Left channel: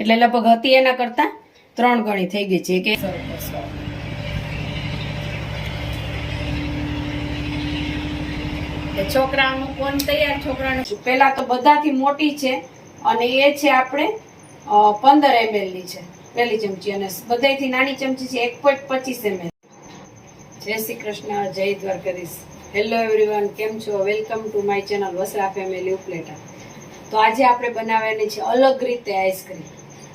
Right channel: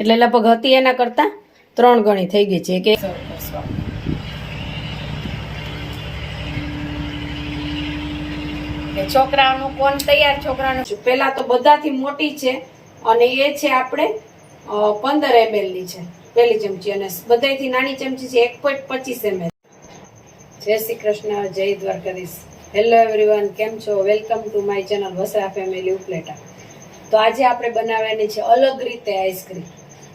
એટલે લગભગ હતી એના કરતા ત્રણ ગણી થઈ ગઈ છે. કે છોકરાનું કોણ તૈયાર? છોકરાનું પેલા તો બધાથી મોટી છે અને એ છે આપણે પંદર એમએલની છે પેલી ચમચી. અને બધાથી નાની ચમચી છે, એક પોઈન્ટ પચીસ એમએલ જય શ્રી કૃષ્ણ, જય દ્વારકાધીશ. હેલો એવરીવન કેમ છો? Welcome to my channel Vasra family Upleta. તો આજે આપણે બનાવવાની છે અલગ રીતે આઈસ્ક્રીમ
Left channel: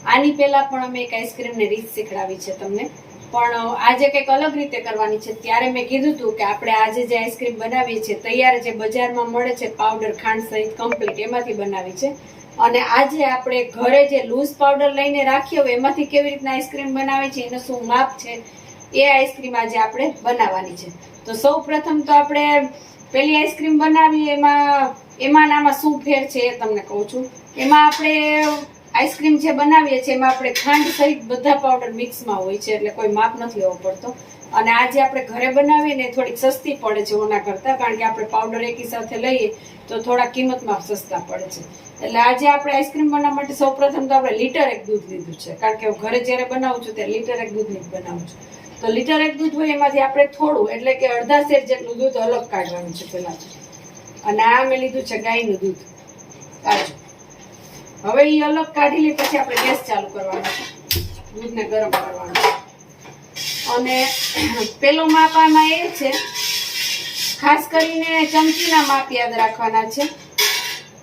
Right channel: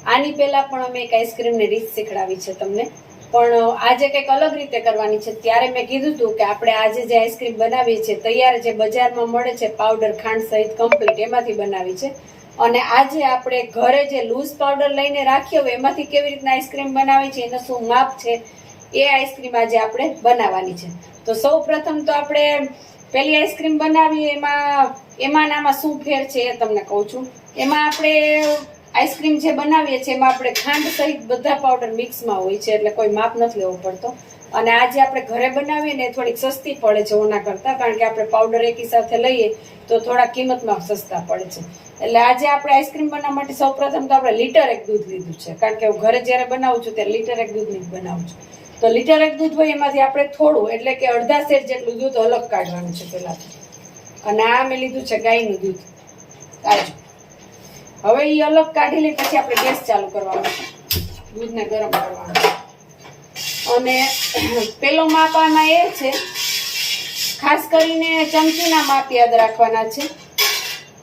આની પહેલા પણ અમે એક આઈસ્ક્રીમની રીત શીખડાવી છે તમને. પણ આજે કંઈક અલગ રીતે કરવાની છે. ત્યારે મેં કીધું હતું કે આપણે આજે જે આઈસ્ક્રીમ બનાવીએ છીએ, તૈયાર જે બજારમાં મળે છે, પાવડર ખાંડ સહિત કમ્પ્લીટ એમાંથી બનાવી છે. અને આજે આપણે ઘરે જે લૂઝ પાવડર લઈને રાખ્યો હોય, એમાંથી કેવી રીતના આઈસ્ક્રીમ બનાવે છે, એનું શું માપ છે, એ આઈસ્ક્રીમ આજે આપણે બનાવવાની છે. તો સૌ તો આપણે પેલી આઈસ્ક્રીમ બનાવીએ, એમાં એમાં આમાં શું ફેર છે એ તમને કહું છું. એમાં આપણે આઈસ્ક્રીમ જે બનાવીએ છીએ એમાં આપણે ખાંડ સહિત બધા પાવડર મિક્સમાં હોય છે, એટલે કોઈ માપ નથી લેવો પડતો. અને આજે આપણે ઘરે બનાવીએ ને થોડીક સસ્તી પડે છે ઓના કરતાં, કારણ કે આપણે પાવડર એકી સાથે લઈએ તો થોડા કિંમતમાં સસ્તા પડે છે. એટલે આજે આપણે આઈસ્ક્રીમ બનાવવા માટે સૌ પ્રથમ તો આપણે લીટર એક દૂધ લીધું છે, કારણ કે હું ઘરે જ્યારે બનાવું છું ત્યારે લીટર એક દૂધની જ બનાવું છું. તો લીટર એક દૂધ હોય એમાંથી આપણે થોડું, એટલે કે અડધા શેર જેટલું દૂધ અલગ કાઢવાનું છે પહેલાં. અને આ મેં લીધું છે ગાયનું દૂધ, કાજુ. હવે એ અલગ કાઢી લઈ પછી આપણે ગેસ ચાલુ કરવાનો દૂધને ગરમ કરવાનો અને પેલો માપ આમાં એ છે, ખાસ કરીને ચમચીના માપ યાદ રાખવાના છે.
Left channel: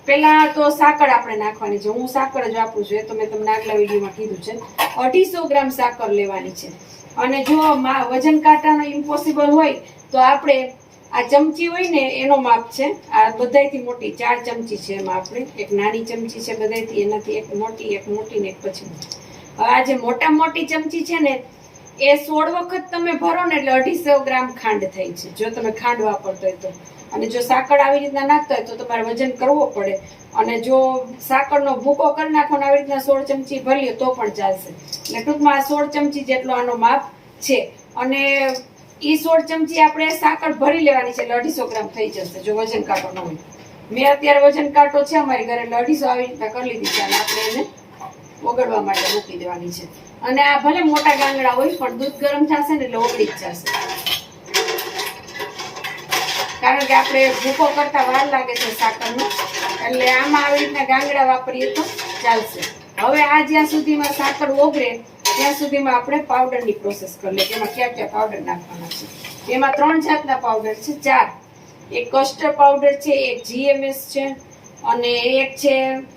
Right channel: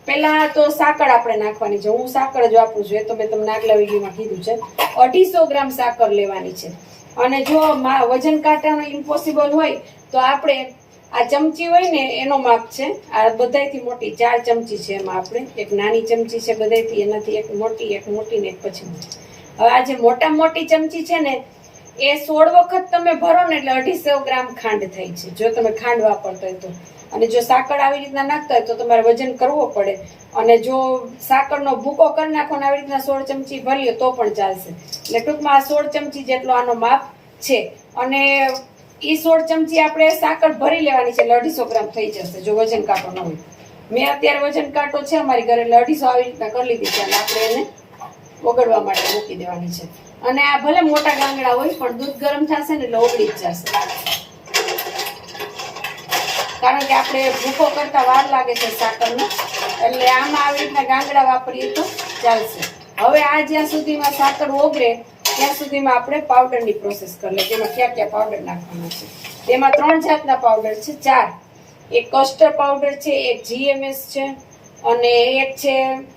પેલા તો સાકર આપણે નાખવાની છે. હું સાકર જ વાપરું છું, એ તો મેં તમને આગલા વિડીયોમાં કીધું છે. અઢીસો ગ્રામ સાકર લેવાની છે. અને જો વજન કાંટાનું ઇમ્પોસિબલ હોય, તો આપણે આ ચમચી હોય ને, એનો માપ છે. આ બધાયથી મોટી ચાર ચમચી છે એમાં આપણે. એક નાની ચમચી છે બધાયથી, એનાથી એક મોટી એક મોટી ને એક પછી હવે આ જે મોટા મોટી ચમચી છે ને, એ સોળ વખત તમે ભરો ને એટલે અઢીસો ગ્રામ ખાંડ થાય છે. જો તમે ખાંડ વાપરતો હોય તો. અને જો સાકર આવી રીતના નાખતા હોય તો તમારે વજન કરવો પડે. અને જો સાકરનો ભૂકો કરી નાખો ને આવી રીતના સોળ ચમચી ભરીએ તો પણ ચાલશે. એટલે ટૂંકમાં આ સોળ ચમચી જેટલો આનો માપ છે. અને ઈ સોળ ચમચી આપણે સાકર ભરી લેવાની છે એટલે અઢીસો ગ્રામ થઈ જશે, જો વજન કાંટો ન હોય. મેં અત્યારે વજન કાંટો છે અમારી ઘરે અઢીસો આવી રીતના કરી લીધી છે આપણે એને ઓગળવા માટે મૂકી દેવાની છે. અને આ ભલે મોટા ગાંગડા હોય, પણ દૂધ ગરમ થશે ને એટલે ઓગળી જ જશે. કારણ કે આપણે ભૂકો કરતા વાર લાગે છે સાકરનો, એટલે આમાં આવી રીતના ગાંગડા વાપરીએ તો ચાલશે. હવે આ જ્યાં સુધીમાં સાકર ઓગળે ત્યાં સુધીમાં આપણે પાવડરની પ્રોસેસ કરી લઈએ તેમાં ક્યાં ક્યાં પાવડર નાખવાના છે? તેમાં ત્રણ જાતના પાવડર છે. ચાર. એક કસ્ટર્ડ પાવડર છે, એક જીએમએસ છે, અને એક છે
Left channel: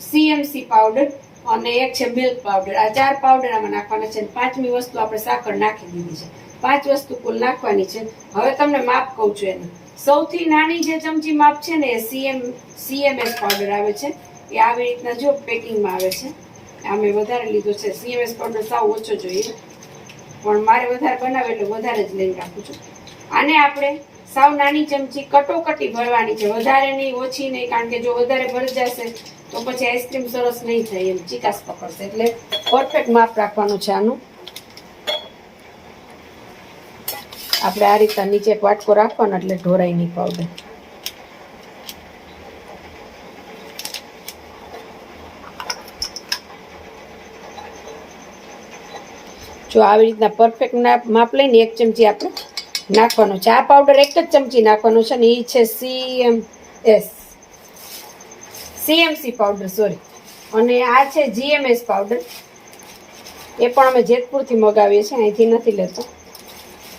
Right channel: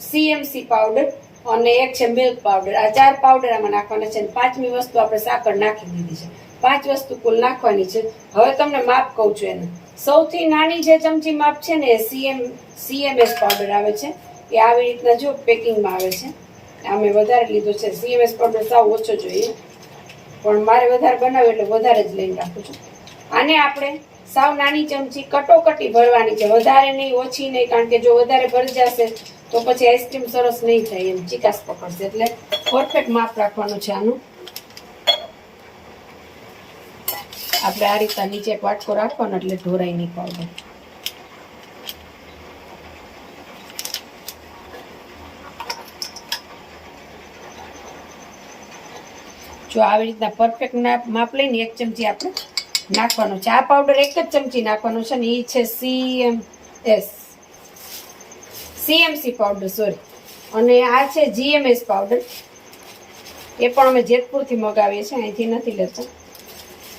સીએમસી પાવડર અને એક છે મિલ્ક પાવડર આ ચાર પાવડર આમાં નાખવાના છે અને પાંચમી વસ્તુ આપણે સાકર નાખી દીધી છે. પાંચ વસ્તુ કુલ નાખવાની છે. હવે તમને માપ કહું છું એનું. સૌથી નાની જે ચમચી માપ છે ને એ સીએમ સીએમએસ પાવડર આવે છે. એ આવી રીતના જો પેકિંગમાં આવે છે. આ મેં વધારે લીધું છે. સીએમએસ પાવડર સાવ ઓછો જોઈએ. પણ મારે વધારે બનાવે એટલે વધારે જ લઈને રાખું છું. આને આપણે સાવ નાની ચમચી કટોકટી ભરવાની છે. વધારે નહીં, ઓછી નહીં, કારણ કે જો વધારે ભરી જશે તો પછી આઈસ્ક્રીમ સરસ નહીં થાય એમ ચિકાસ પકડશે. એટલે પરફેક્ટ માપ રાખવાનું છે આનું. આપણે આ રીતના નીચે વાટકો રાખવાનો એટલે ઢોરાઈ નહીં પાવડર જો આવી રીતના પરફેક્ટ માપ લઈને એક ચમચી આપણે નાખવાનું આ પાવડર એક જ ચમચી નાખવાનો છે ને એ છે CM S CMC powder sorry અને આ છે જીએમએસ પાવડર એ પણ અમે જેતપુરથી મગાવીએ છીએ, અહીંથી નથી લેતો.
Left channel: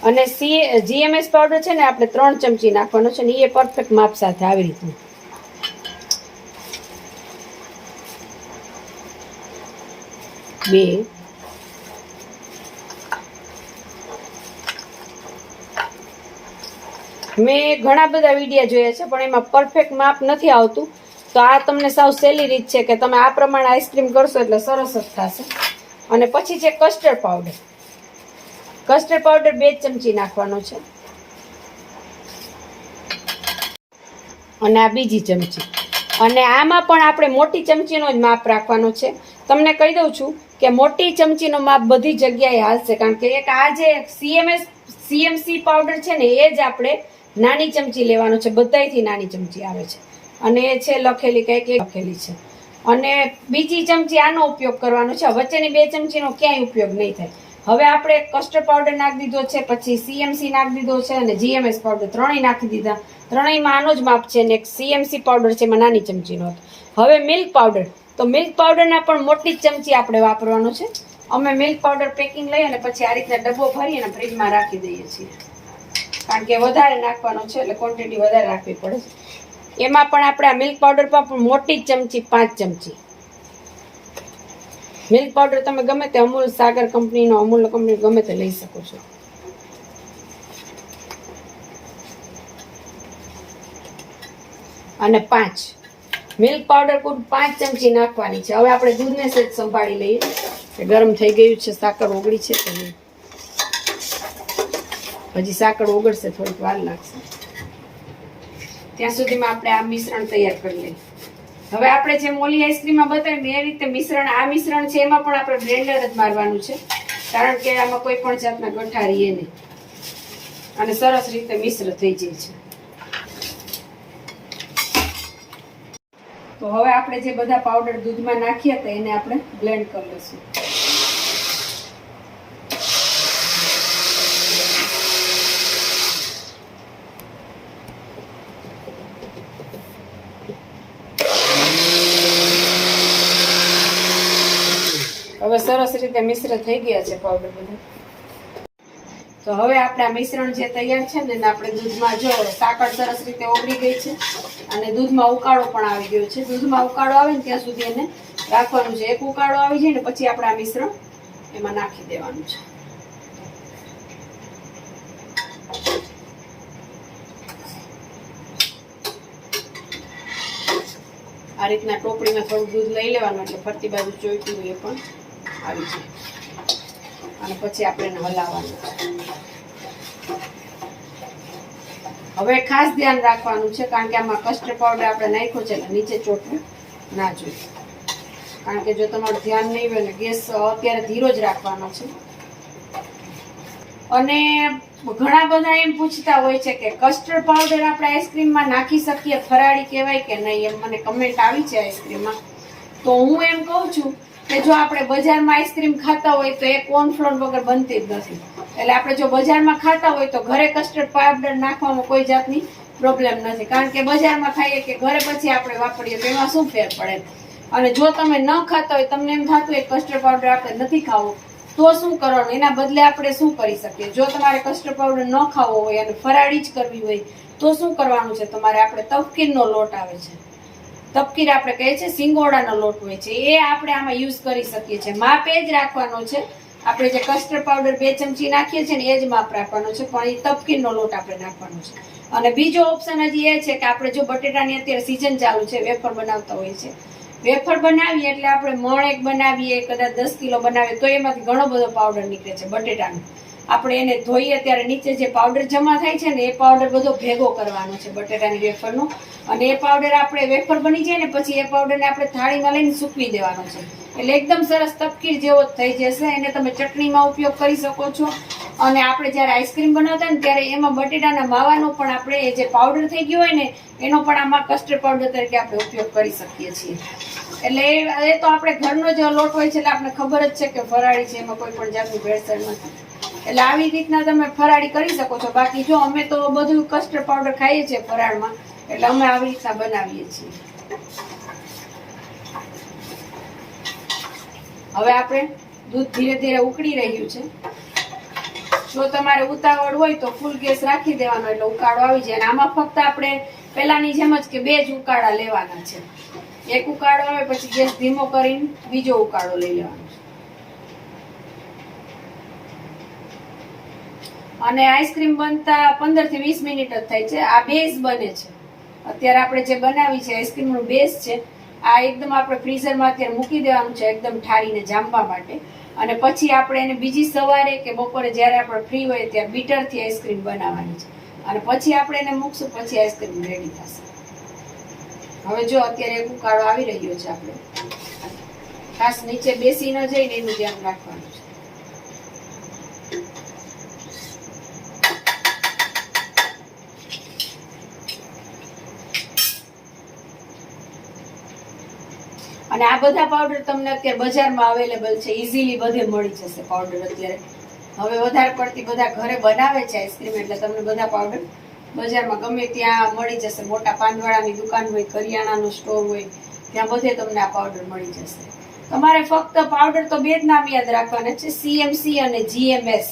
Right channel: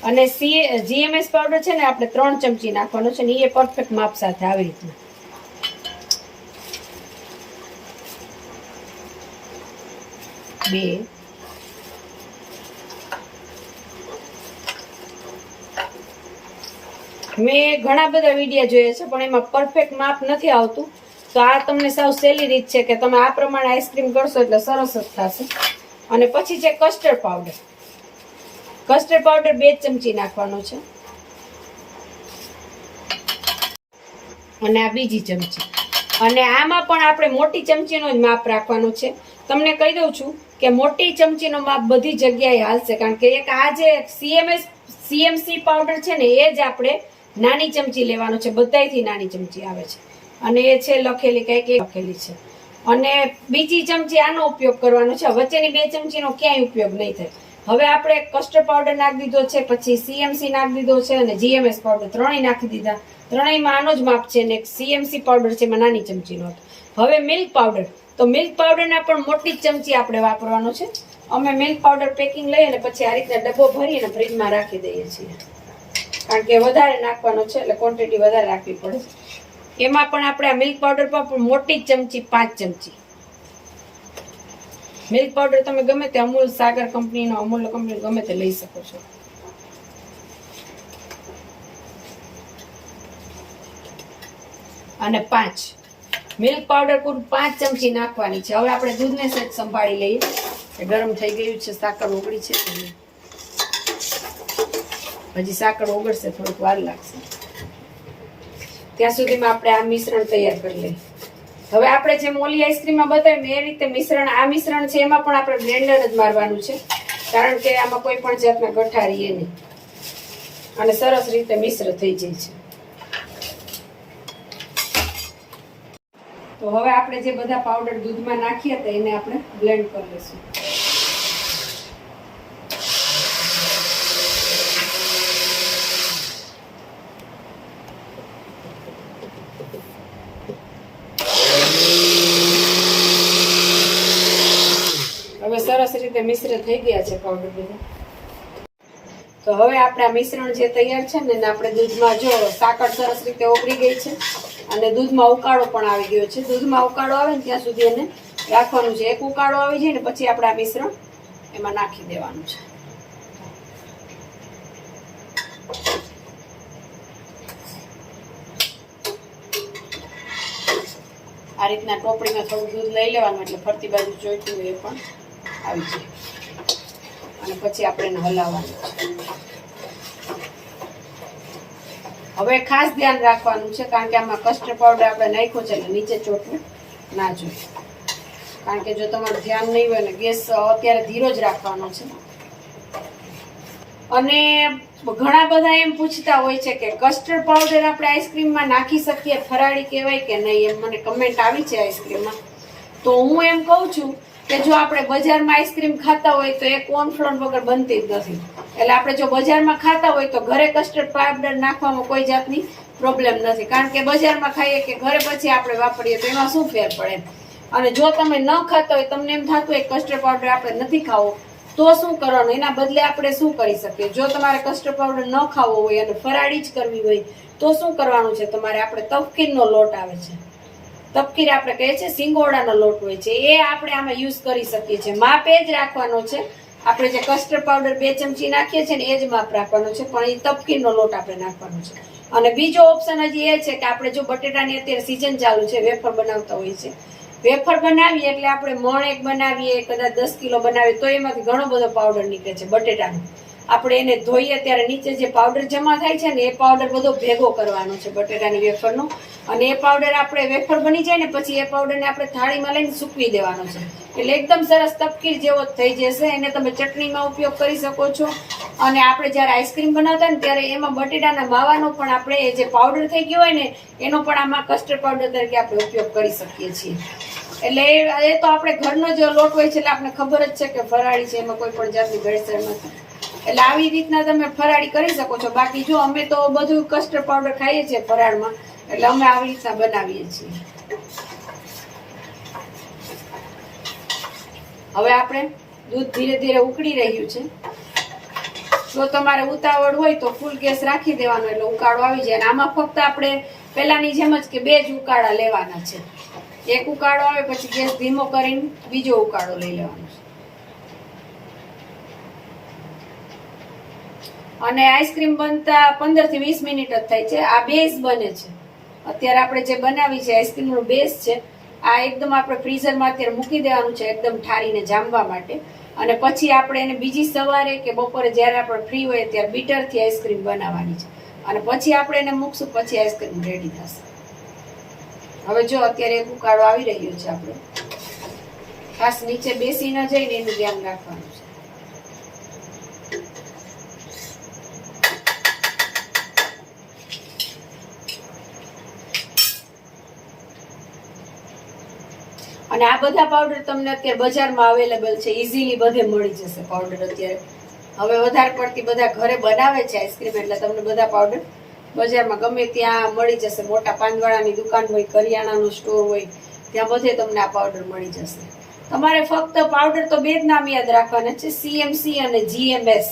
અને સી જીએમએસ પાવડર છે ને આપણે ત્રણ ચમચી નાખવાનો છે ને એ પરફેક્ટ માપ સાથે આવી રીતના. બે. મેં ઘણા બધા વિડીયા જોયા છે, પણ એમાં પરફેક્ટ માપ નથી આવતું. તો આ તમને સાવ સહેલી રીત છે કે તમે આ પ્રમાણે આઈસ્ક્રીમ કરશો એટલે સરસ જ થશે. અને પછી છે કસ્ટર્ડ પાવડર કસ્ટર્ડ પાવડર બે ચમચી નાખવાનો છે. અને આ બીજી ચમચી. અને આમાં પણ આપણે મોટી ચમચીનો જ માપ રાખવાનો છે. તમને કહી દઉં છું કે મોટી ચમચીનો માપ બધી જગ્યાએ હાલશે, કારણ કે એક આ જે સીએમએસ સીએમસી પાવડર છે ને, એ જ આપણે નાની ચમચી લેવાનો છે, બધાયથી નાની ચમચી આવે છે. અને એ છે લખેલી, કંઈક એ લખેલી છે. અને બીજી ચમચી આનો ઉપયોગ કરવાનો છે વચ્ચેની બે ચમચીનો ક્યાંય ઉપયોગ નહીં થાય. હવે આપણે કસ્ટર્ડ પાવડર નાખી દીધો છે, પછી સીએમસી નાખી દીધો છે, અને જીએમએસ પાવડર ત્રણેય નાખી દીધા. ત્રણેયમાં આનો જ માપ છે ને એક સીએમસી પાવડર છે, એમાં નાની ચમચીનો હવે મિલ્ક પાવડર. તો મિલ્ક પાવડરના પણ મોટી જ ચમચી આપણે વાપરવાનો છે. અમે મિલ્ક પાવડર પેકિંગ લઈ અને પછી આ રીતના ડબ્બો ભરી અને ફ્રીજમાં રાખી દઈએ છીએ. કારણ કે વધારે નાખવાનો છે, એટલે ક્વોન્ટિટી વધારે રાખવી પડે છે. એમાં પણ આપણે આ મિલ્ક પાવડર પણ મોટી ચમચી, પાંચ ચમચી. મિલ્ક પાવડર તમે ગમે તે અમૂલ સાગર કંપનીનો અમૂલ કંપની ગમે તે લઈ શકો છો. અને પાંચ. મિલ્ક પાવડર કુલ પાંચ ચમચી નાખવાની છે. હવે આપણે દૂધને સેજ સંભાળી લઈએ. ગરમ થઈ ગયું છે, સાકર ઓગળી છે. હજી સાકર ઓગળશે, થોડીક વાર લાગશે. ત્યાં સુધીમાં આપણે આ મિશ્રણ તૈયાર કરી લઈએ. હવે આપણે જે મોલી આઈસ્ક્રીમમાં બતાવ્યું એ રીતે મિશ્રણ, આ મિશ્રણ છે, એમાં પણ આપણે બ્લેન્ડર જ મારવાનું છે. કારણ કે આમાં કોઈ પણ જાતના ગઠા રહીએ નહીં. અને સરસ રીતે મિશ્ર થઈ જાય છે. તો હવે આપણે જે બધા પાવડર દૂધમાં નાખ્યા હતા, એને આપણે બ્લેન્ડ કરી લઈશું હવે સરસ રીતે મિશ્ર થઈ ગયા છે પાવડર બધા. તો હવે આપણે મિશ્રણ જે તૈયાર છે ને આપણે દૂધમાં જો સાકર સરસ રીતે ઓગળી ગઈ છે અને દૂધમાં ઉકાળો પણ આવી ગયો છે. દૂધમાં ઉકાળો આવે ને, ત્યાં સુધી એને રાખવાનું છે. એક ઉકાળો આવી જાય ને, પછી આપણે આ મિશ્રણ એમાં નાખી દેવાનું છે. આ રીતના ટોપડીમાં થોડું દૂધ લઈ લેવાનું, એટલે ફરતી બાજુ ચોઈટું હોય પણ. આવી છે. અને પછી આપણે હલાવવાનું. છે હવે ખાસ ધ્યાન રાખવાનું છે, કારણ કે આમાં કસ્ટર્ડ પાવડર આપણે નાખ્યો છે એટલે નીચે ચોટવું ના જોઈએ. કારણ કે જો તમારું ધ્યાન નહીં હોય ને ગેસ અત્યારે ધીરો જ રાખવાનો છે. અને ઘણા બધા એમ પૂછતા હોય છે કે કસ્ટર્ડ પાવડર આપણે આઈસ્ક્રીમમાં નાખી શકીએ, ફરાળી કહેવાય કે નહીં એમ મને કમેન્ટ આવી છે આઈસ્ક્રીમમાં તો હું એમ કહું છું કે જો આપણે બજારમાં આઈસ્ક્રીમ ખાતા હોય તો એ કોર્નફ્લોર વગર બનતી જ નથી. એટલે આપણે જો બજારમાં ખાતા હોય તો ઘરે કસ્ટર્ડ પાવડર નાખવામાં કોઈ જાતની પ્રોબ્લેમ નથી. કારણ કે બજારમાં ખાઈએ કે ઘરે પછી આપણે વાપરીએ તો એમાં શું ફેર પડે? અને જો તમે ન ખાતા હોય, તમને એમ થતું હોય કસ્ટર્ડ પાવડર આપણે નથી ખાવો, તો શું કરવાનું? એના બદલે આપણે શું કરી શકીએ? જો તમારે કસ્ટર્ડ પાવડર ન ખાવો હોય અને ફરાળી જ કરવી હોય, તો શું કરવાનું છે? તમારે આપણે તફકીનનો લોટ આવે છે. તપકીર આપણે કહીએ છીએ સિંગોડાનો લોટ હોય છે. એ આપણે આમાં યુઝ કરી શકીએ છીએ. માપ એ જ રાખવાનો છે. આપણે જે કસ્ટર્ડ પાવડર બે ચમચી નાખીએ છીએ ને એ જ માપ રાખવાનો છે. પણ એ તપકીરનો લોટ આપણે નાખવાનો છે. અને બીજો ઓપ્શન હજી એ છે કે આપણે જો બટેટાની અત્યારે સિઝન ચાલુ છે, વેફર બનાવતા હોઈએ છે વેફર બનાવીએ એટલે આપણે મણ એક બનાવીએ, કદાચ દસ કિલો બનાવીએ, તો એમાંથી ઘણો બધો પાવડર નીકળે છે બટેટાનો. આપણે એને ધોઈએ ત્યારે નીચે જે પાવડર જમા થાય છે ને, એ પાવડર બધો ભેગો કરવાનો છે બટેટાની વેફરનો. અને એ પાવડર આપણે વેફર બની જાય ને, પછી એ પાવડરને આપણે થાળીમાં લઈને સૂકવી દેવાનો છે. એટલે એકદમ સરસ તપકીર જેવો થઈ જશે. એને તમે ચટણીમાં ઉપયોગ કરી શકો છો. અને આપણે જ્યારે આઈસ્ક્રીમ બનાવતા ને, ત્યારે એમાં બટેટાના માવાનો પણ આપણે જે પાવડર થઈ ગયું હોય ને, એનો પણ આમાં કસ્ટર્ડ પાવડર તરીકે આપણે ઉપયોગ કરી શકીએ છીએ. એટલે એ તો આપણે ઘરનો જે લોટ હોય છે, એટલે આપણે ખબર જ છે કે ફરાળી છે, એમાં કોઈ પણ જાતની ભેળસેળ નથી એટલે આવી રીતના તમે ફરાળી કરી શકો છો. બાકી જો અમે તો બધું કસ્ટર્ડ પાવડર ખાઈએ છીએ ફરાળમાં, એટલે અમે આવી રીતના બનાવીએ છીએ. હવે આપણે દૂધ ધીરે ધીરે ઉકળી રહ્યું છે. જો તમારે ઉતાવળ હોય તો ફૂલ ગેસ રાખી દેવાનો, એટલે ઉકાળો આવી જાય. અને આમાં ફક્ત આપણે પેલાની જેમ જ કે બે જ ઉકાળા લેવાના છે. એક ઉકાળો આવે, પછી ગેસ ધીમો કરીને બીજો ઉકાળો લઈ લેવાનો છે. અને આઈસ્ક્રીમ બનતા પંદરથી વીસ મિનિટ જ થાય છે. આ બેઝ બને છે. અત્યારે આપણે જે બનાવી છે, આઈસ્ક્રીમ નો બેઝ છે, આ એકદમ આપણે ફ્રીઝરમાં અત્યારે મૂકી દેવાનું છે, એકદમ ઠારીને જામવા માટે. અને પછી આપણે એને બીજી સવારે કે બપોરે જ્યારે આપણે ફ્રી હોય ત્યારે બીટરથી આઈસ્ક્રીમ બનાવવાની છે. અને પછી આપણે એને મૂકશું, પછી આઈસ્ક્રીમ રેડી થશે. હવે જો અત્યારે ઉકાળો આવી રહ્યો છે આપણે. ખાસ નીચે બેસી ન જઈને એનું ધ્યાન રાખવાનું. અને આ બધા પાવડર તમને અત્યારે બજારમાં અવેલેબલ છે. ઇઝીલી બધે મળી જશે પાવડર અત્યારે. હવે વધારે પડતી બધા ઘરે બનાવે છે આઈસ્ક્રીમ એટલે તમને બધા પાવડર બજારમાં ગમે ત્યાં મળી જશે. મોટા પાનવાળાની દુકાન હોય, કરિયાણાનો સ્ટોર હોય, ત્યાં બધે તમને આ પાવડર મળી જશે. તમારે ફક્ત પાવડર તો બે જ નામ યાદ રાખવાના છે સીએમસી અને જીએમએસ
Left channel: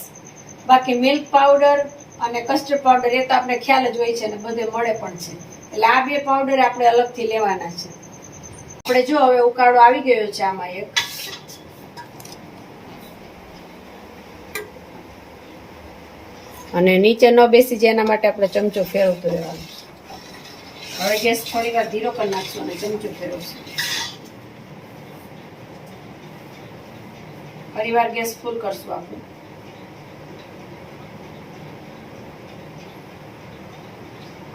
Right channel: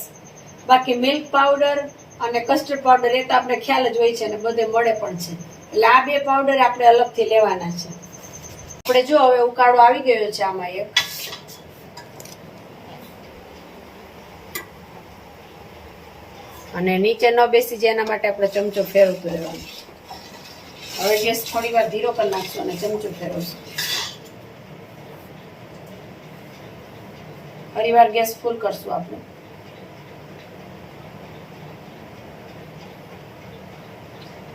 બાકી મિલ્ક પાવડર અને કસ્ટર્ડ પાવડર એ તો આપણે ખ્યાલ જ હોય છે અને બધે મળે પણ છે. એટલે આ બે પાવડર આપણે અલગથી લેવાના છે. આપણે જો હવે ઉકાળો આવી ગયો છે આમાં એક. અને નીચે ન બેસી જાય એના માટે આપણે ચમચો ફેરવતો રહેવાનો હવે ગેસ થોડી વાર ધીરો કરી નાખશું અને ચમચો ફેરવશું. ફરી વાર ગેસ ફૂલ કરશું આપણે.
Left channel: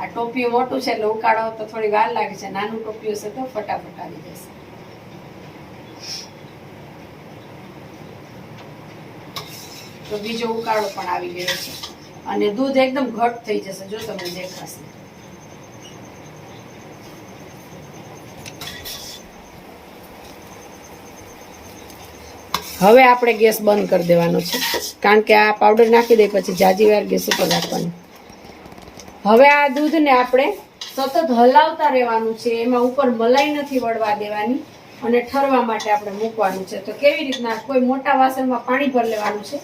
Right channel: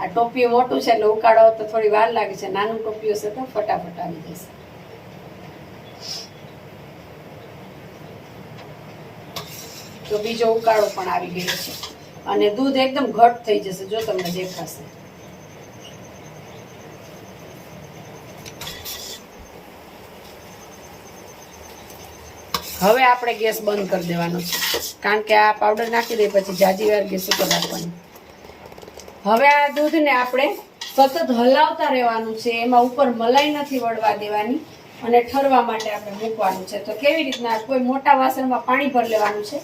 આ ટોપિયું મોટું છે, એટલે ઉકાળો તો થોડી વાર લાગે છે. નાનું ટોપિયું છે તો ફટાફટ આવી જશે. તો બીજો ઉકાળો પણ આવી ગયો છે. અને દૂધ એકદમ ઘટ થઈ જશે, જો તમને દેખાશે. હવે આપણે ગેસ બંધ કરી દેવાનો છે. કારણ કે આ પાવડર નાખી દે, પછી જાજી વાર ગેસ ઉપર રાખવાનું. હવે આ દૂધને આપણે સતત હલાવતા રહેવાનું છે. એમાં ઉપર મલાઈ નથી વળવા દેવાની અને ઠરવા માટે આપણે મૂકવાનું છે. તો કેવી રીતના કોઈ મોટા વાસણમાં પાણી ભરી લેવાનું છે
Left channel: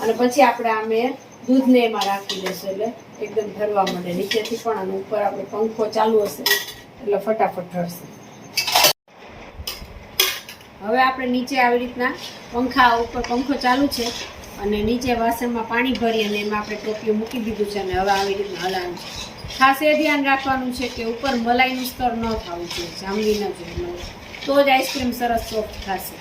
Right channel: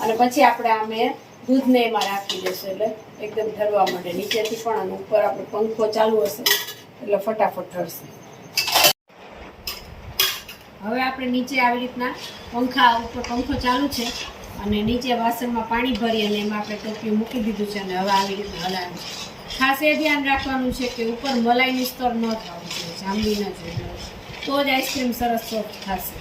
અને પછી આપણે આમે દૂધને એમાં રાખી દઈશું એટલે એકદમ ઠરવા માટે. નીચેથી પણ અને ઉપર આપણે પંખો ચાલુ હશે એટલે ફટાફટ ઠરશે. હવે આપણે નીચે આવી રીતના પંખા ઉપર પંખો ચાલુ છે. અને નીચે વાસણમાં પાણી ભરી અને એમાં આપણે ટોપિયું મૂકી દીધું છે અને હવે આવી રીતના હલાવવાનું છે. ખાસ એ ધ્યાન રાખવાનું છે કે ઉપર મલાઈનું સ્તર ન થવું જોઈએ, જાંબલી ન જોઈએ. તો જ આઈસ્ક્રીમ સરસ સોફ્ટ થશે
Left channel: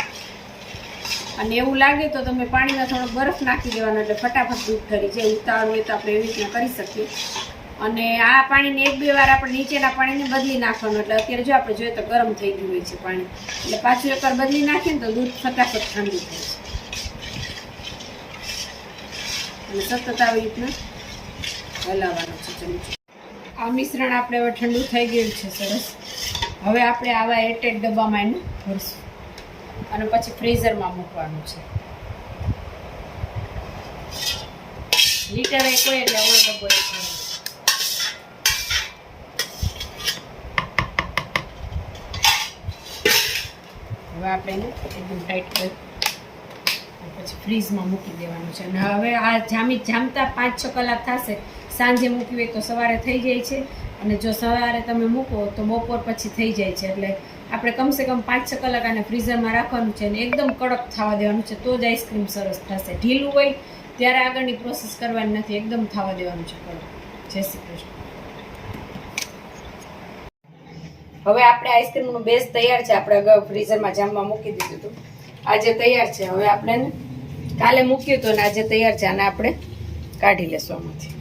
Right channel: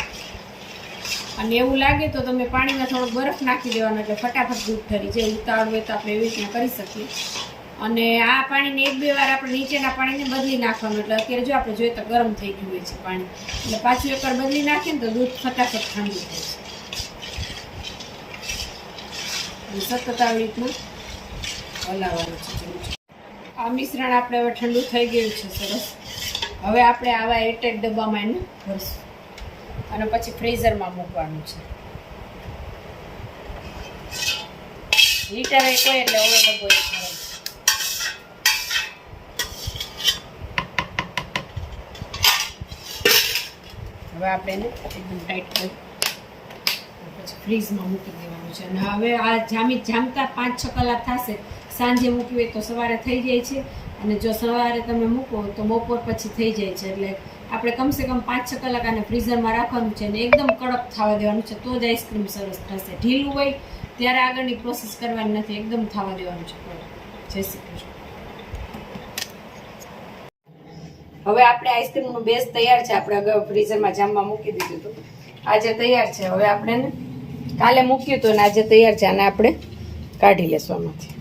અને એવું લાગે તો તમે પાણીમાં થોડોક બરફ નાખી દેવાનો એટલે ફટાફટ દૂધ ઠરી જાય ઉતાવળ હોય તો આપણે એવી રીતના કરી શકીએ. અને આ પાણીને એક બે વાર આપણે નીચેના પાણીને બદલી નાખવાનું, એટલે અત્યારે જો આપણે જોઈએ તો ગરમ થઈ ગયું હોય છે પાણી. એટલે પાછું એકવાર બદલી નાખીએ ને તો દૂધ ફટાફટ ઠંડુ થાય છે. સતત આવી રીતના હલાવવાનું છે ચમચો આ મિશ્રણ આપણે હવે ઠંડુ થઈ ગયું છે સરસ. હવે આપણે આવા એટેક ડબ્બામાં એને ભરશું. અને પછી ફ્રીઝરમાં મૂકવાનું છે. લીટર એક એટલે ઓળો ડબ્બો. હવે આપણે એને એકદમ ટાઈટ કરી ફ્રીઝમાં મૂકી દેવાનું છે. અને હવે આ જામી જામતા પાંચ છ કલાક થશે, સાંજે મૂકવી હોય તો સવારે થઈ જાય છે. અને જો સવારે તમે મૂકો તો બપોર પછી થઈ જાય છે. એટલે આપણે કમસે કમ પાંચ છ કલાક આને ફ્રીઝરમાં રાખવાનું છે અને એકદમ કડક થવા દેવાનું છે. તો જ આઈસ્ક્રીમ સરસ થશે. ઢીલું હોય ત્યારે આગળની પ્રોસેસ કરવાની નથી. એકદમ થવા દેવાનું છે કડક. જય શ્રી કૃષ્ણ. હવે આપણે આઈસ્ક્રીમનો બેઝ તૈયાર છે. આપણે અગાઉ ફ્રીઝરમાં જામવા મૂકી દીધું હતું. આજે તૈયાર છે. હવે આપણે કાલે મૂક્યું હતું અને આજે તૈયાર છે અને આપણે કાઢી લેશું આમાંથી.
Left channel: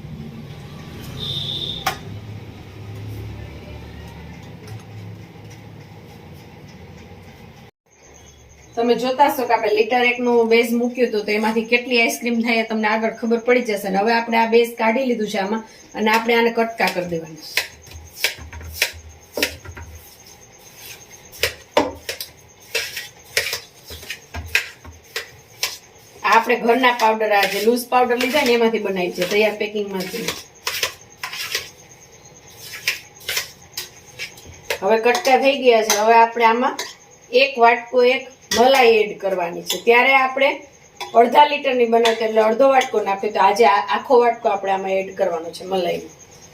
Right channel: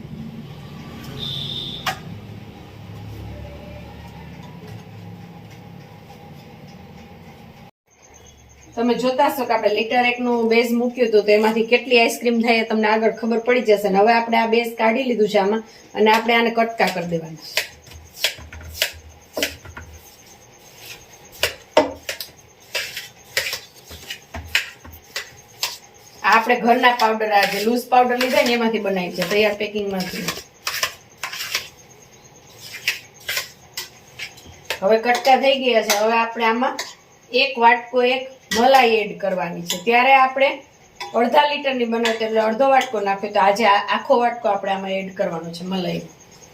તમે જોતા છો કે આપણે લીટર એકનું બેઝ મૂક્યું હતું તો એમાંથી કેટલી આઈસ્ક્રીમ થાય તમને આગળ ખબર પડી જશે. અને હવે આપણે આ બેઝ કાઢી લીધું છે આમાં અને આપણે આને કટકા કરી દેવાના છે. આપણે ઘરના પાવડર આ જે લૂઝ પાવડર લીધા ને એમાંથી બનાવી છે, તૈયાર પેકિંગમાંથી હવે કટકા થઈ ગયા છે. હવે આપણે આમાં એક વાટકો એક મલાઈ એડ કરવાની છે. ત્યારે આપણે અડધા લીટરની બનાવતી એટલે અડધો વાટકો નાખ્યો તો આજે આખો વાટકો આપણે આમાં એડ કરવાનો છે, મલાઈ.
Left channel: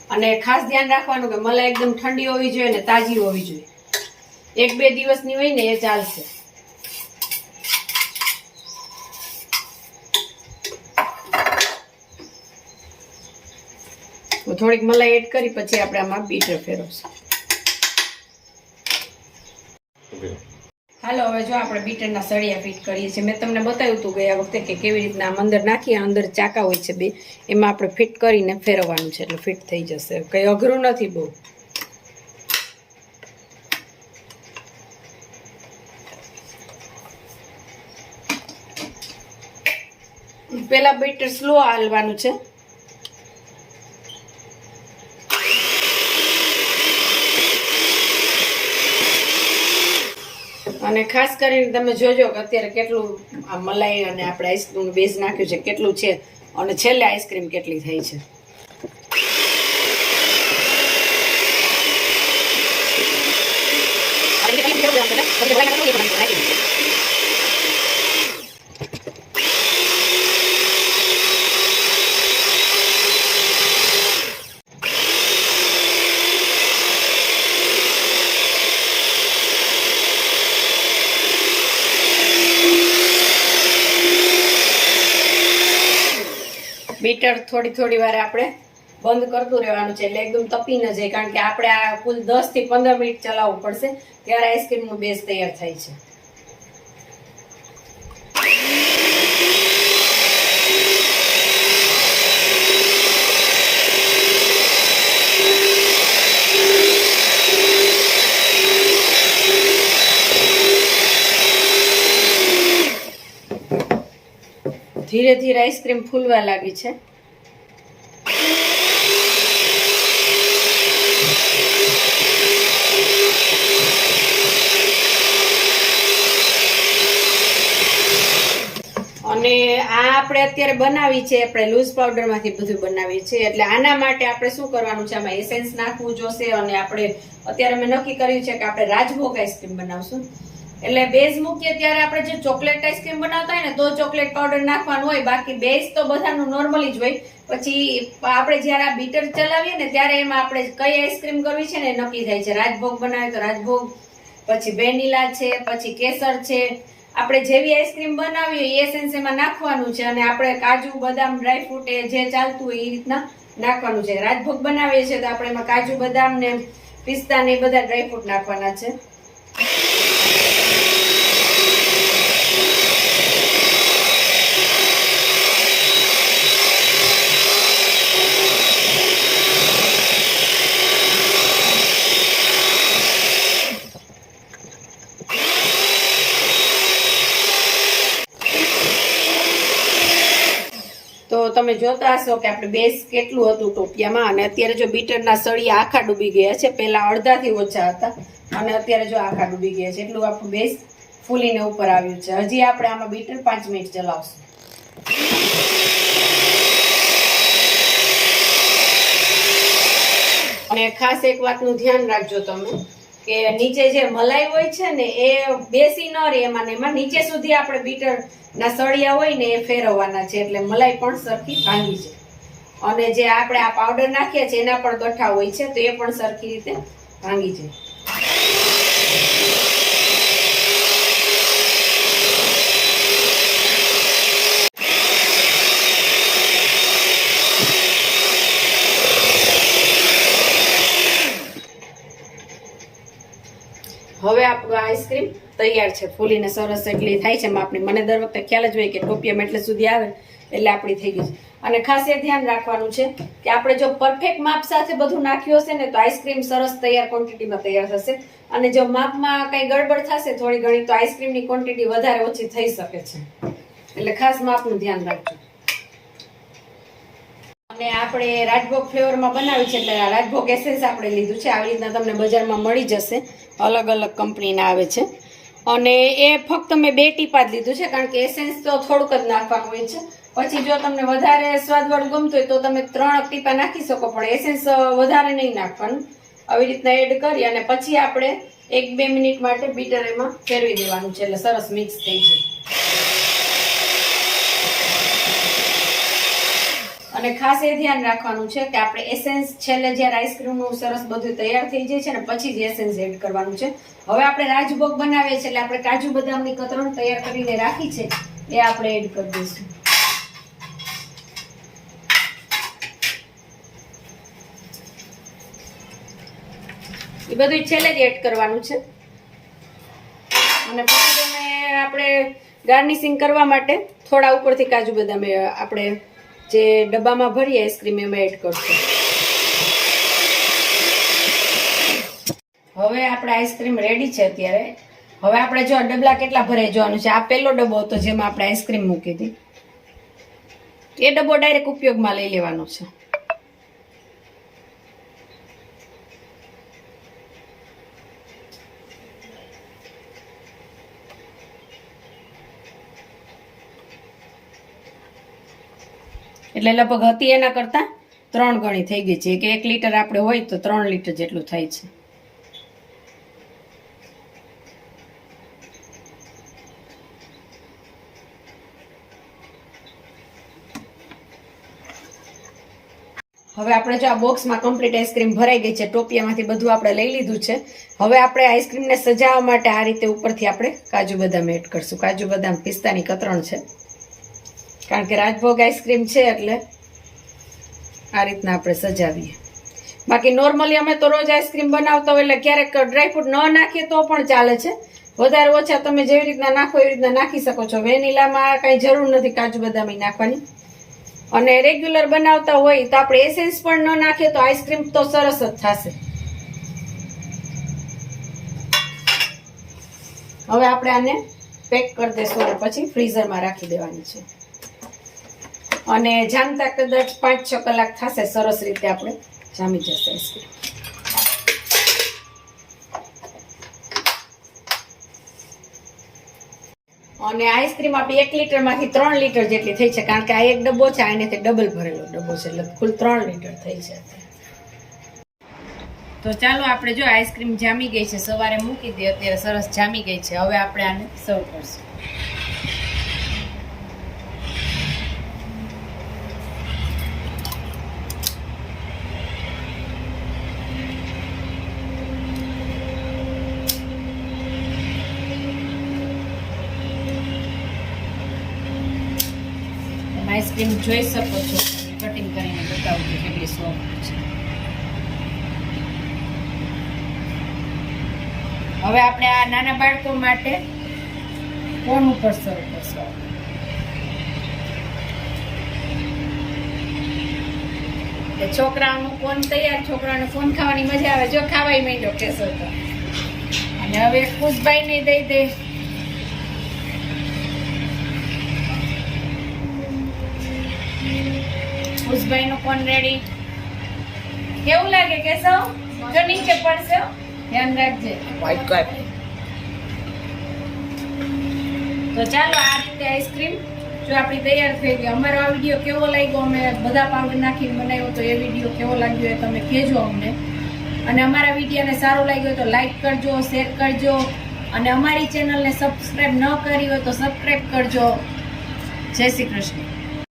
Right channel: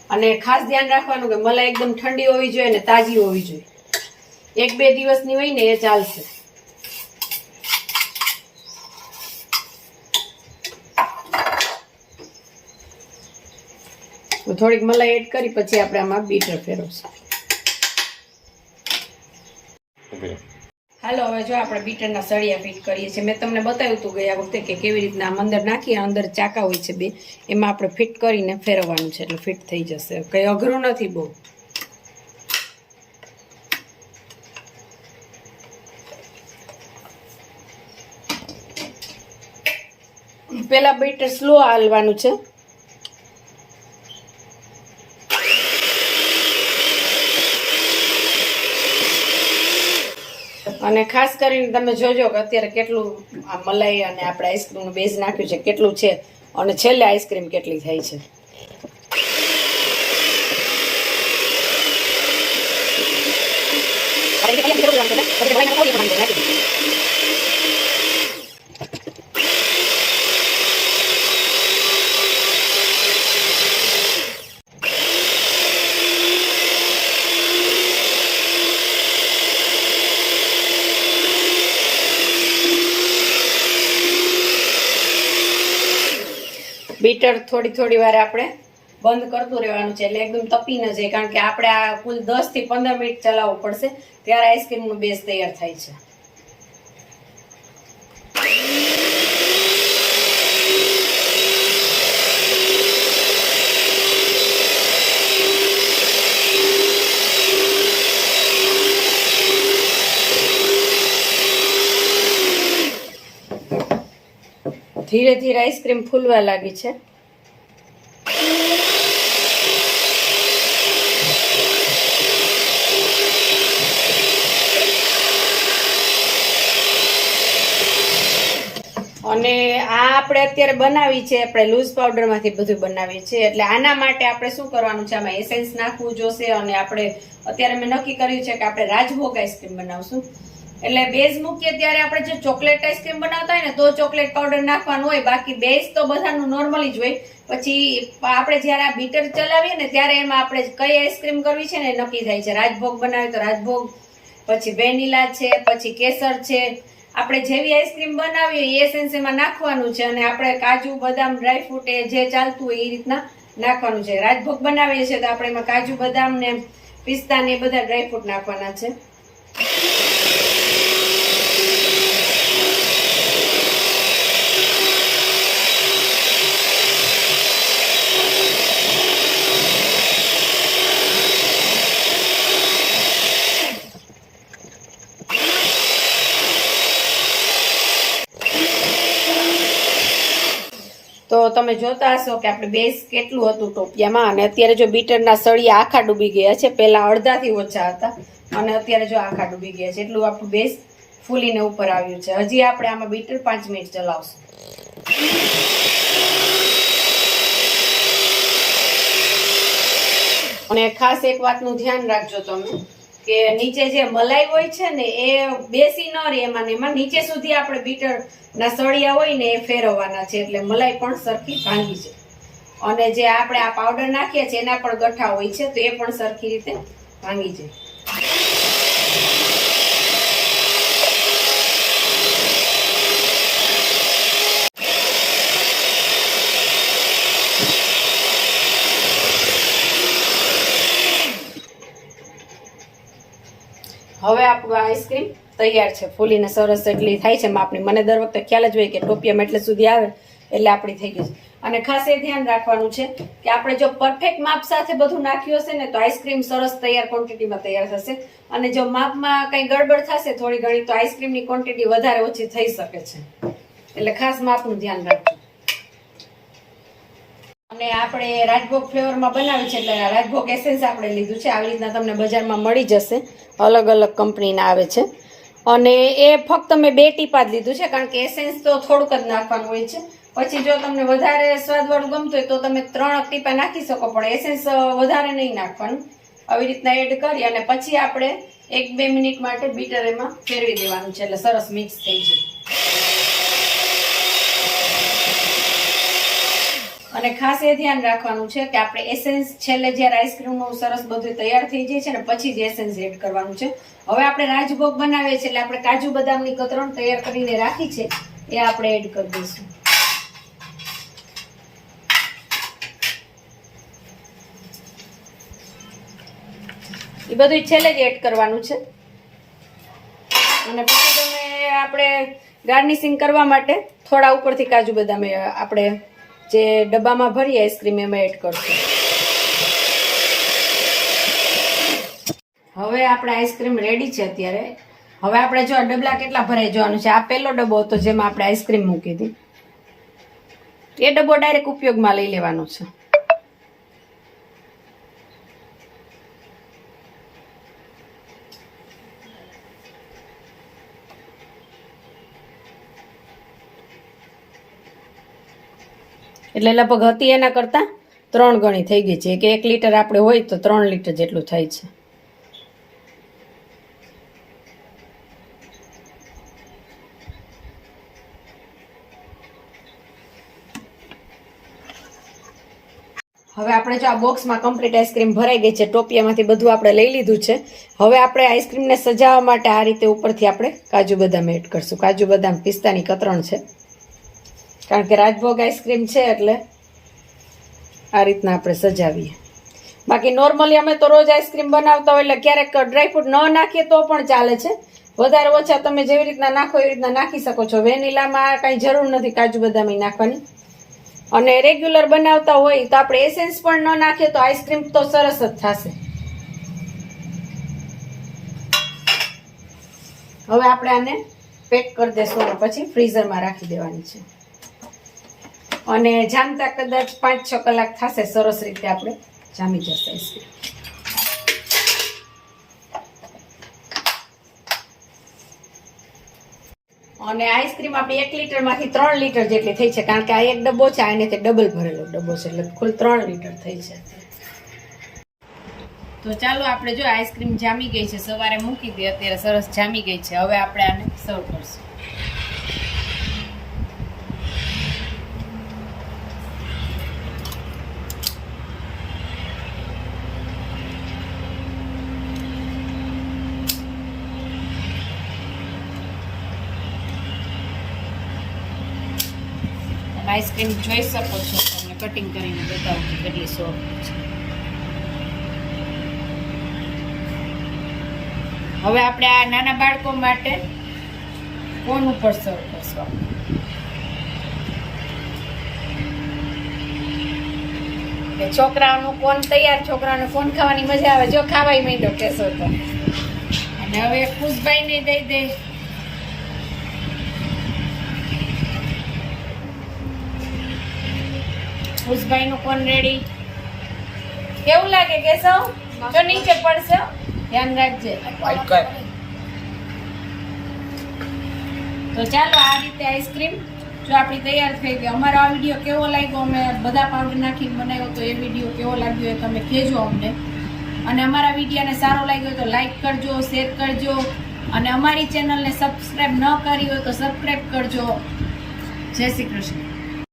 અને ખાસ ધ્યાન રાખવાનું કે મલાઈ એકદમ ઠંડી હોવી જોઈએ ને તાજી હોવી જોઈએ. એક બે દિવસની હોય ને એ ચાલશે. તો થોડીક મલાઈ એડ કરી પછી આપણે આમાં બીટર ફેરવશું. હાલો હવે જો આપણે બીટરના સળિયા ફિટ કરીએ છીએ. મેં તમને બતાવ્યું હતું ગયા વખતે કે કેવી રીતના આમ અંદર નાખીએ અંદર ચાકા હોય છે બે એમાં આપણે ફિટ કરીને ફેરવવાનું છે એટલે ફિટ થઈ જશે. કંઈ અઘરું નથી બહુ. પેલા બીટર સ્લો હાલવાનું છે. અને ખાસ કરીને તમે જોજો કે અત્યારે કેટલું આ મલાઈ અને આપણે આઈસ્ક્રીમનું બેઝ નાખ્યું છે, કેટલું છે અને છેલ્લે આઈસ્ક્રીમ કેટલી થાય છે. બીટર થોડી થોડી વાર આપણે બંધ કરતું રહેવાનું છે. એટલે એકદમ તપી ન જાય, કારણ કે આપણે આ કુલ દસથી પંદર મિનિટ ચલાવવું પડશે, ત્યારે આઈસ્ક્રીમનું બેઝ તૈયાર થાય છે. ધીરે ધીરે આઈસ્ક્રીમ ફૂલવા લાગી છે અને આ આપણે અત્યારે બનાવી છે, આપણે લૂઝ પાવડરમાંથી બધું બનાવીએ છીએ. એટલે આના માટે આપણે શું કરવાનું છે, આમાં એસેન્સ નાખવું જોશે અને આપણે, અત્યારે મેં નક્કી કર્યું છે કે આપણે રાજભોગ આઈસ્ક્રીમ બનાવશું. એટલે બેઝ મૂકીએ ત્યારે આપણે જે ચોકલેટ આઈસ્ક્રીમ બનાવતા હોય ને, તો ચોકલેટ પાવડર નાખવાનું હોય. બાકી બેઝ તો બધાનું નોર્મલી જ હોય. પછી આપણે જ્યારે આ બીટર ચલાવીએ ને, ત્યારે એમાં આપણે કઈ આઈસ્ક્રીમ કરવી છે ને નક્કી થાય છે. રાજભોગ બનાવીએ તો રાજભોગ, પછી વેનીલા છે, પછી કેસર છે આપણે જેવી આઈસ્ક્રીમ બનાવીએ એ એસેન્સ એમાં નાખવાનું છે અને આપણે કાજુ, બદામ ડ્રાયફ્રૂટ એ જે ચાલતું હોય એ રીતના નાખવાનું છે. રાજભોગ બનાવીએ છીએ તો આપણે એમાં કાજુ, બદામ ને પિસ્તા ને બધા ડ્રાયફ્રૂટ નાખવાના છે તો તમે જોતા હશો કે આપણે બેઝ કેટલું હતું ટોપિયામાં અને અત્યારે જો બીટરના સળિયા આખા ડૂબી ગયા છે. પહેલાં અડધાથી ઓછા હતા અને અત્યારે જો આખા ડૂબી ગયા છે. એટલું આપણું બેઝ ફૂલીને ઉપર આવ્યું છે. હજી આપણે આમાં બીટર પાંચ મિનિટ ચલાવશું. અને ખાસ એક વાતનું ધ્યાન રાખજો તમે કે નીચે જે મલાઈ હોય છે ને, એ બેસી ન રહે. એમાં એમાં નીચે સુધી આપણે બીટર ના સળિયા હોય ને એ ફેરવવાના છે, એટલે મલાઈ પણ સરખી ભાંગી છે. અને જે આપણે આ પાવડર નાખીએ છીએ, એના પણ ગઠ્ઠા હોય છે, તો એ પણ સરખી રીતે ભાંગી જાય હવે આપણું આઈસ્ક્રીમ તૈયાર છે. ફૂલીને સરસ એટલી થાય છે. માપની મને દર વખતે ખ્યાલ જ હોય કે ટોપિયામાં એટલે સુધી આવે, એટલે આપણી થઈ ગઈ છે. અને ખાસ એ ધ્યાન રાખવાનું છે કે આપણે જો પરફેક્ટ માપ સાથે બધું નાખ્યું હશે ને, તો આઈસ્ક્રીમ સરસ તૈયાર ક્વોન્ટિટીમાં તૈયાર થશે. અને જો માપમાં કંઈ ગડબડ થશે, થોડી ઘણી તો આઈસ્ક્રીમની ક્વોન્ટિટી વધારે ઓછી થઈ શકે છે. એટલે ખાસ માપનું ધ્યાન રાખજો. અને આપણે રાજભોગ ફ્લેવરમાં બનાવ્યું છે, એટલે રાજભોગ એસેન્સ આપણે લીધું છે. આવી રીતના તમને બજારમાં મળી જશે. અલગ અલગ કંપનીના આવે છે. અને એ ફક્ત મેં બે ટીપા જ લીધું છે, કારણ કે એસેન્સ તો થોડુંક જ નાખવાનું હોય છે. પછી જો તમને વધારે સ્વાદવાળું ગમતું હોય તો તમે ત્રણ ટીપા નાખી શકો, પણ એસેન્સ વધારે નહીં નાખવાનું. આવી રીતના એડ કરી અને પછી આપણે એક બે મિનિટ માટે બીટર એમાં ફેરવી દેવાનું છે, એટલે સરસ મિક્સ થઈ જાય અને ખાસ એ ધ્યાન રાખવાનું છે કે આપણે એસેન્સ છેલ્લે જ્યારે આઈસ્ક્રીમનું સરસ બધું તૈયાર થઈ જાય છે ને પછી જ એસેન્સ એડ કરવાનું છે. હવે આપણે રાજભોગ બનાવીએ છીએ એટલે આપણે કાજુ બદામની કતરણ તૈયાર કરીને રાખી છે. એ આપણે એડ કરી દઈશું. એ બધું છેલ્લે જ એડ કરવાનું છે. અને પછી તમે આપણે ગાર્નિશિંગ કરવા માટે થોડા ઉપરથી કાજુ બદામ આપણે જે ડબ્બામાં ભરી આઈસ્ક્રીમ એમાં એડ કરશું. હવે આપણે આઈસ્ક્રીમ રેડી છે અત્યારે. હવે આપણે જો ડબલા કેટલા ભરાય જવાનું છે? આ પહેલો ડબ્બો હતો જેમાં આપણે આઈસ્ક્રીમ મૂકી હતી. એ ડબ્બો ડાયરેક્ટ ઉપયોગમાં લઈ લેવાનો છે. એટલે લગભગ હતી એના કરતાં ત્રણ ગણી થઈ ગઈ છે. કે એક લીટર આપણે હોય તો ત્રણ લીટર જેટલું થાય છે. હવે આપણે જો આ બોક્સમાં કમ્પ્લીટ આઈસ્ક્રીમ ભરાઈ ગઈ છે, ટોપિયામાંથી બધું આપણે લઈ લીધું છે. હવે આપણે આઈસ્ક્રીમને સજાવવા માટે આ રીતે ઉપરથી આપણે કાજુ બદામ એડ કરશું. કાજુ બદામ પિસ્તાની કતરણ છે. કારણ કે રાજભોગ આઈસ્ક્રીમ છે એટલે આ રીતના આપણે સજાવીએ. બાકી નોર્મલી અમે તો રોજ આઈસ્ક્રીમ બનાવતા હોય એટલે ક્યારેક ડ્રાયફ્રૂટ ન નાખીએ તો પણ ચાલે છે. વધારે ઓછા તમે જેવી રીતના નાખો એવી રીતના નાખી શકો છો. વેનીલામાં કાંઈ જરૂર નથી કાજુ બદામ નાખવાની. અને રેગ્યુલર બનાવતા હોય તો આપણે એસેન્સ પણ ન નાખીએ તો આઈસ્ક્રીમ તો સરસ જ થશે. હવે આપણે આને પેક કરી દેશું પછી ફ્રીઝરમાં રાખી દેવાની છે. અને જામતા કદાચ પાંચ છ કલાક થશે, સરસ રીતે આપણે જામી જશે આઈસ્ક્રીમ અને આઈસ્ક્રીમ આપણે એક લીટરમાંથી ત્રણ લીટર જેટલી થઈ છે, કારણ કે આ એક ડબ્બો છે આને તે ડબલ ભરેલો ડબ્બો છે, એટલે કુલ ત્રણ લીટર થઈ છે. તો ચાલો આપણે જો આઈસ્ક્રીમ જામી ગઈ છે, સવારે મૂકી દે, અત્યારે સરસ જામી ગઈ છે. હવે આપણે આને સર્વ કરશું. આઈસ્ક્રીમ જોઈ શકો છો. તમે કટિંગ કરીને બતાવું કે કેટલી સોફ્ટ છે. હવે આપણે આ નાના બાળકો માટે કોન ઉપર સર્વ કરશું? છોકરાઓનું કોન તૈયાર? છોકરાઓને કોન ખાવાની મજા આવે. જો ખાવાય માંડ્યો કેસો તો. અને હવે ખુશભાઈને દઈ દે ખુશભાઈ નું કોણ રેડી કેવું લાગે કેશવ? જો નીચે પડશે ધ્યાન રાખજે. તો ચાલો આ રીતે આઈસ્ક્રીમ જો આપણી તૈયાર થઈ ગઈ. અમારો આ વીડિયો કેવો લાગ્યો? અમે બધા પાવડર નાખીને બનાવ્યો તો એ વીડિયો કેવો લાગ્યો એ તમે કહેજો અમને. અને અમારા વિડીયોને સારો લાગ્યો હોય તો લાઈક કરજો શેર કરજો. અને અમારી ચેનલને સબસ્ક્રાઈબ ન કરી હોય તો સબસ્ક્રાઈબ કરજો. જય શ્રી કૃષ્ણ.